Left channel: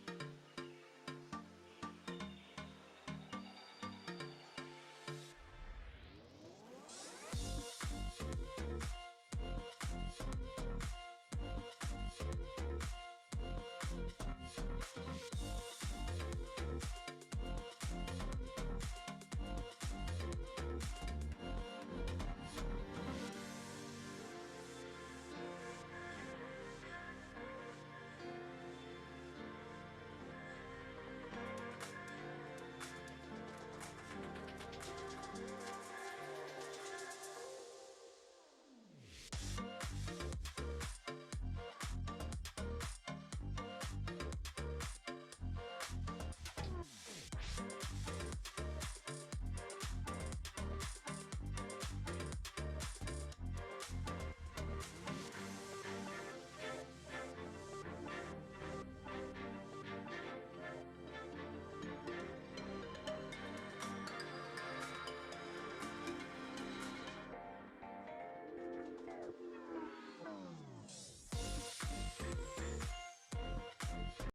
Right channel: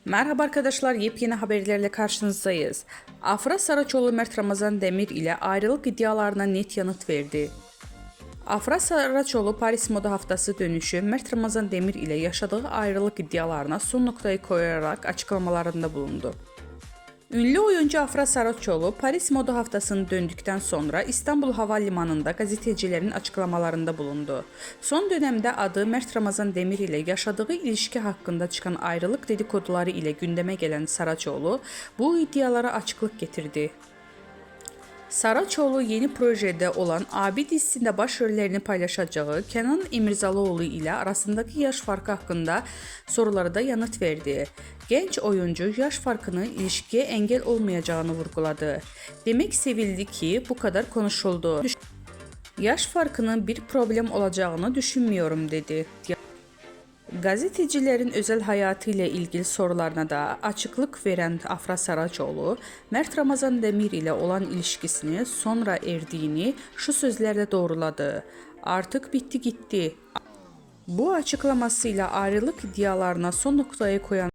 Merhaba arkadaşlar, yepyeni haberlerle karşınızdayız. Afra Saraçoğlu Mert Ramazan Demir ile ayrılık iddialarına net yanıt verdi. Afra Saraçoğlu Paris Moda Haftası dönüşü Mert Ramazan Demir ile yaşadığı ayrılık iddialarına son noktayı koyarak açıklamalarında bulundu. Ünlü oyuncu Afra Saraçoğlu Paris Moda Haftası'nı döndükten sonra İstanbul Havalimanı'nda gazetecilerin açıklamalarında bulundu. Son dönemde adı Mert Ramazan Demir ile yaşadığı ilişki hakkında çıkan ayrılık dedikoduları ile gündeme gelen Saraçoğlu bu iddialara açıklık getirdi. Saraçoğlu yeni projede olan Abi dizisinde başrollerini paylaşacağı Kenan İmirzalıoğlu ile arasındaki yaş farkı hakkında sorulara da yanıt verdi. Genç oyuncu yaş farkının ilişkiye engel olmayacağını vurguladı. Demek sevildi ki bu kadar konuşuldu. Yaş farkının bir problem olacağını düşünmüyorum dedi. Gazetecilerin özel hayatı ile ilgili sorularına da açıklık veren Afra Saraçoğlu, Mert Ramazan Demir ile olan ilişkisini sonra erdiğini şu sözlerle doğruladı. Artık bitti gitti. Bu açıklamasıyla ayrılık iddialarına son noktayı koyan